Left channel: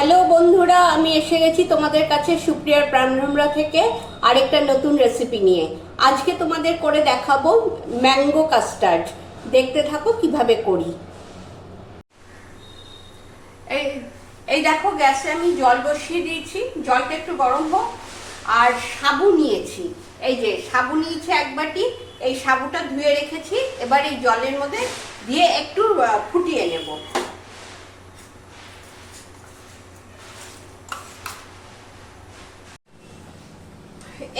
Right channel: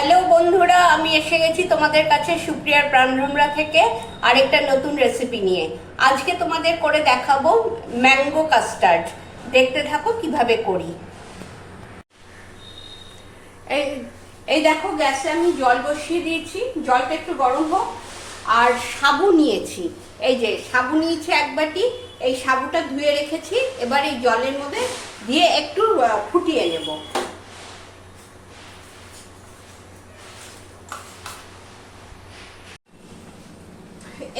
Hello বন্ধুরা, আমি এসে গেছি তোমাদের কাছে সুপ্রিয়ার প্রাণভ্রমরা থেকে আরেকটা নতুন রেসিপি নিয়ে। আজকে তোমাদের করে দেখাবো ম্যাঙ্গো কাস্টার্ড। দেখতে থাকো কিভাবে করি। এই এই দেখো, গ্যাসে আমি জল বসিয়ে দিয়েছি, জলটা একটু গরম হোক। আর সাবু নিয়েছি, এই যে সাবু নিয়েছি এক বাটি। এই সাবুটা ধুয়ে রেখেছি, এবার এই জলের মধ্যে দিয়ে একটু ফুটিয়ে নেব।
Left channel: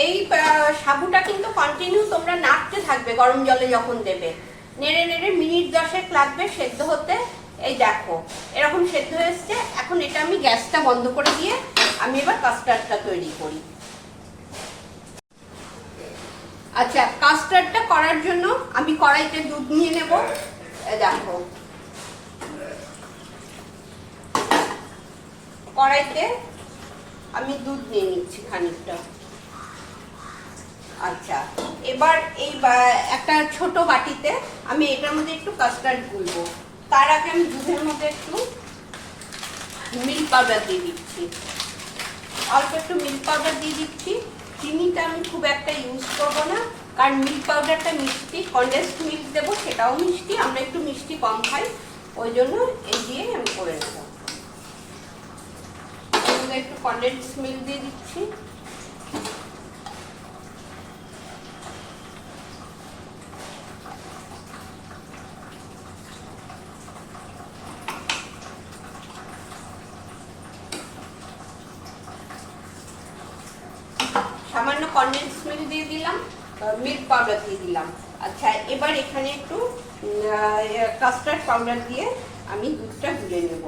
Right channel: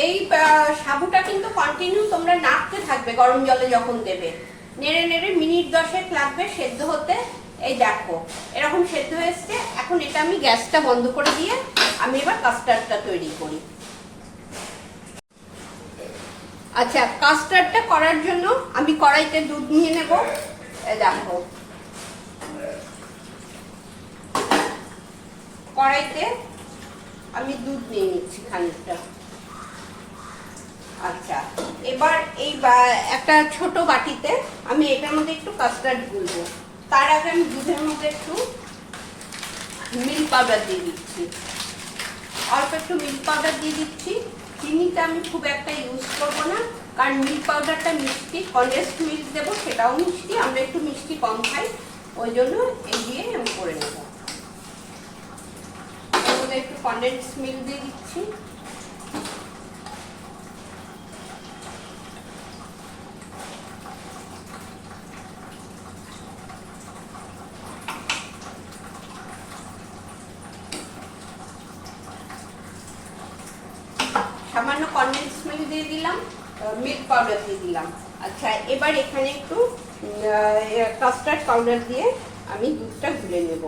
এই সাবুটা কিন্তু কন্টিনিউ তোমরা নাড়তে থাকবে গরম জলে যখন দেবে। নেড়ে নেড়ে মিনিট 10 লাগবে সেদ্ধ হতে। এই দেখো এরকম সেদ্ধ হয়েছে। এখন এটা আমি গ্যাসটা বন্ধ করে দিয়ে আমি এবার কাস্টার্ডটা তৈরি করি। আচ্ছা, কাস্টার্ডটা করার জন্য আমি কড়াইতে দুধ নিয়ে নেব। এই দেখো কড়াইতে আমি দুধ নিয়ে নিচ্ছি খানিকটা। আচ্ছা, এবার এই একটা ছোট বাটিতে আমি এটার মধ্যে একটু কাস্টার্ড গুলবো। তার আগে আমি দুধের মধ্যে একটু মিল্ক পাউডার দিয়ে দিচ্ছি, অল্প একটু মিল্ক পাউডার দিয়ে দিচ্ছি। চিনিটা আমি খুব একটা ইউজ করবো না, কারণ মিল্ক পাউডারটা মিষ্টি, কনডেন্সড মিল্ক দেবো সেটাও মিষ্টি, আমরা একটু মিষ্টি কম খাই, ওই জন্য এই দিয়ে আমি করে নেব। এর মধ্যে একটু কনডেন্সড মিল্ক দিয়ে দিচ্ছি। সামান্য কনডেন্সড মিল্ক দিয়ে দিলাম, মিল্ক পাউডার দিয়ে দিলাম। আচ্ছা, এবার এখানে একটু কাস্টার্ড পাউডার দিয়ে আমি দুধটা গুলে নেব।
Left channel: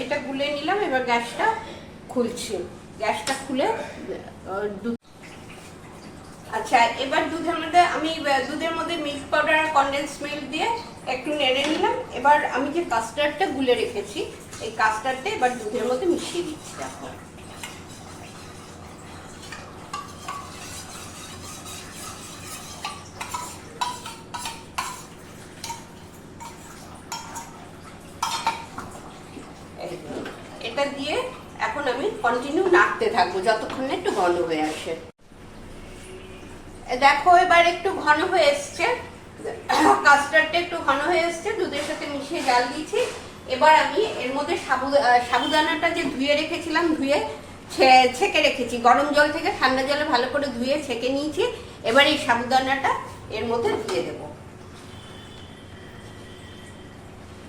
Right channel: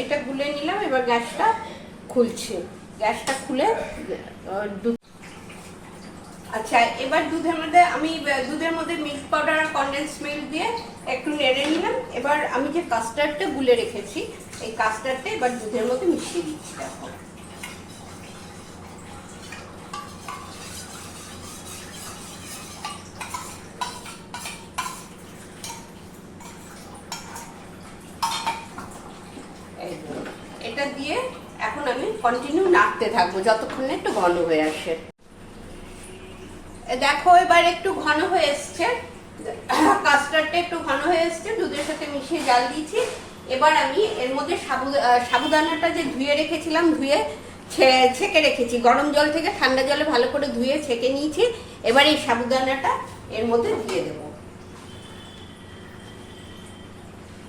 এটা গুলে নিলাম, এবার গ্যাসটা খুলছি। গ্যাসটা খুলে আচ্ছা, এবার দুধের মধ্যে মিল্ক পাউডার আর কনডেন্সড মিল্ক দিয়ে একটু নেড়ে নিলাম। এবার আমি যে কাস্টার্ডটা গুলে রেখেছি এই কাস্টার্ডটা এবার দুধের মধ্যে মিশিয়ে দিচ্ছি। দেখো এটা দিয়ে এখন আমি কন্টিনিউ নাড়তে থাকবো যতক্ষণ না একটু ঘন হয়ে আসে। দেখো এবার একটু ঘন হয়ে এসছে, কাস্টার্ডটা একটু ঘন হয়ে এসছে, দুধের সাথে মিশিয়ে জাল দিয়েছি। এবার আমি এর মধ্যে সাবুদানাটা যে ধুয়ে রেখেছিলাম, ধুয়ে ছেঁকে রেখেছি, গরম জল থেকে ঠান্ডা জলে ভালো করে ধুয়ে ছেঁকে নিয়েছি। এবার এই সাবুদানাটা এর মধ্যে দিয়ে দেব।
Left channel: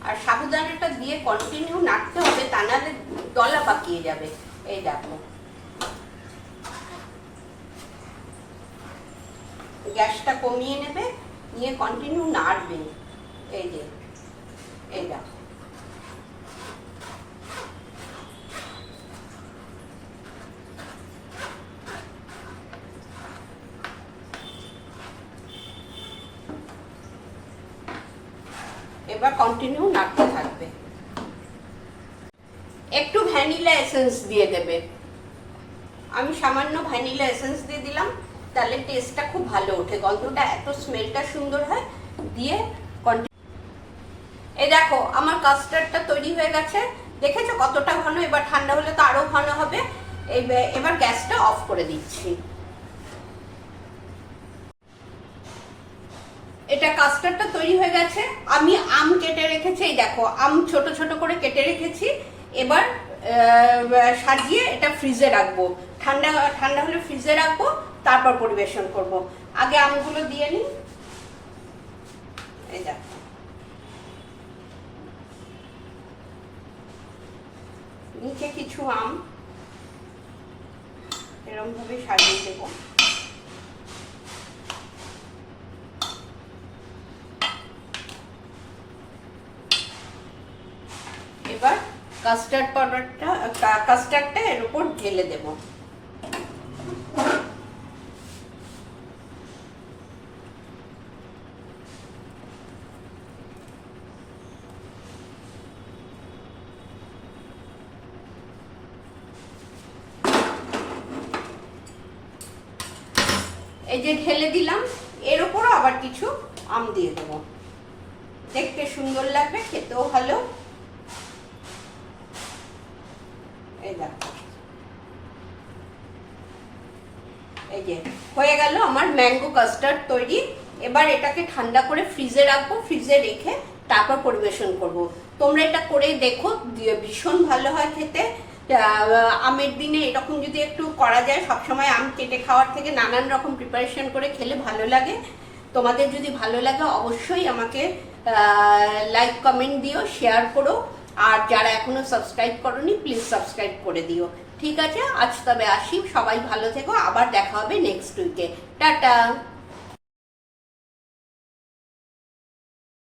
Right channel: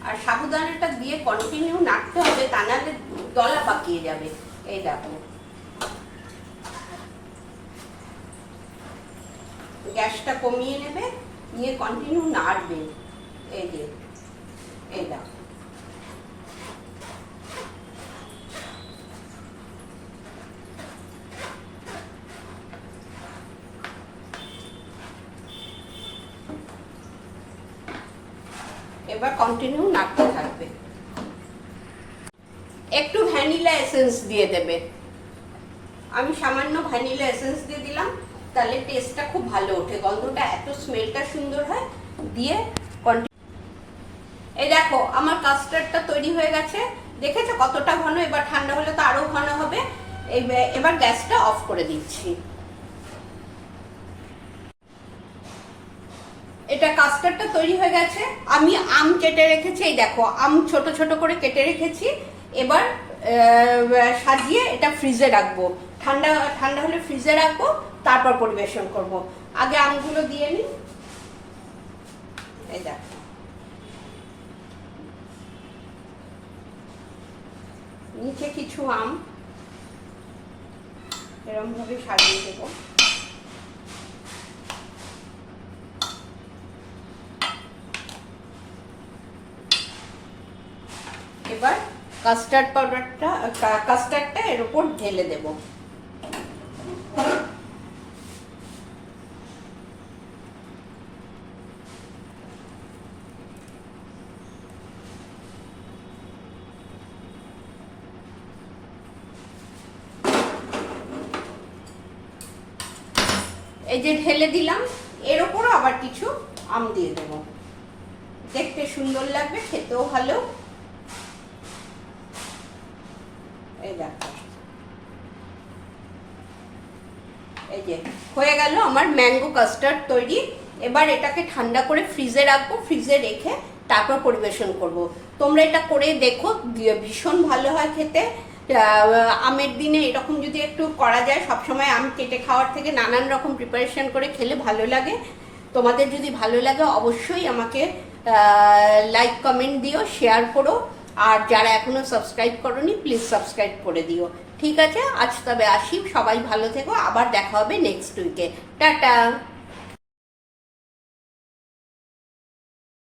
আর সাবুদানাটা দিয়ে কন্টিনিউ নাড়তে হবে, তা নাহলে দলা পাকিয়ে যাবে। এই দেখো গ্যাসটা কমিয়ে নেবে, নিয়ে কন্টিনিউ নাড়বে। এই যে এই দেখো এবার কন্টিনিউ নাড়তে থাকবে। একটু ভ্যানিলা এসেন্স দিয়ে দেবে। আমি সামান্য ভ্যানিলা এসেন্স দিয়ে দিলাম, তাহলে টেস্টটা খুব ভালো ওঠে, গন্ধটা এত স্মেলটা সুন্দর হয়। দিয়ে এই দেখো আমার কাস্টার্ডটা তৈরি হয়ে গেছে, দেখেছো কতটা ঘন। এবার ঠান্ডা হলে তো আরো ঘন হবে। এবার গ্যাসটা অফ করে দিচ্ছি। এটা কাস্টার্ডটা তৈরি হয়ে গেছে। আমি আম কেটে রেখেছি, এই দেখো আম ছোট ছোট করে কেটে রেখেছি। এবার সাজিয়ে এটা ফ্রিজে রাখবো, ঠান্ডা ঠান্ডা হলে ফ্রিজে রাখবো, তারপর পরিবেশন করব। আগে আমগুলো দিয়ে নিই। এই দেখো নিচে কিছু আম এরকম ভাবে সাজিয়ে দেবো। এবার কাস্টার্ডটা এর উপর ঢেলে দেবো। এই যে ঢেলে দিলাম, এর ওপরও আবার কিছু আম দিয়ে দেবো, দেখতে সুন্দর লাগবে, খেতেও ভালো। এই দেখো, এই যে হয়ে গেল আমার ম্যাঙ্গো কাস্টার্ড তৈরি। এবার এটাকে ঠান্ডা করে ফ্রিজে রাখবো, ফ্রিজে রেখে তারপর পরিবেশন করব। তোমরা এটা করে দেখো, ভীষণ ভালো হয় খেতে। আমের দিনে এরকম যদি একটু করা যায়, সবসময় আম কেটে খাওয়ার থেকে নানান রকম প্রিপারেশন করে খেলে ভালো লাগে। তোমাদের যদি ভালো লাগে অবশ্যই আমাকে লাইক কমেন্ট দিও, শেয়ার করো, আর যারা এখনো সাবস্ক্রাইব করোনি প্লিজ সাবস্ক্রাইব করে দিও। ঠিক আছে, আজ তবে আসি, সবাই ভালো থেকো, আবার দেখা হবে নেক্সট উইকে। টাটা।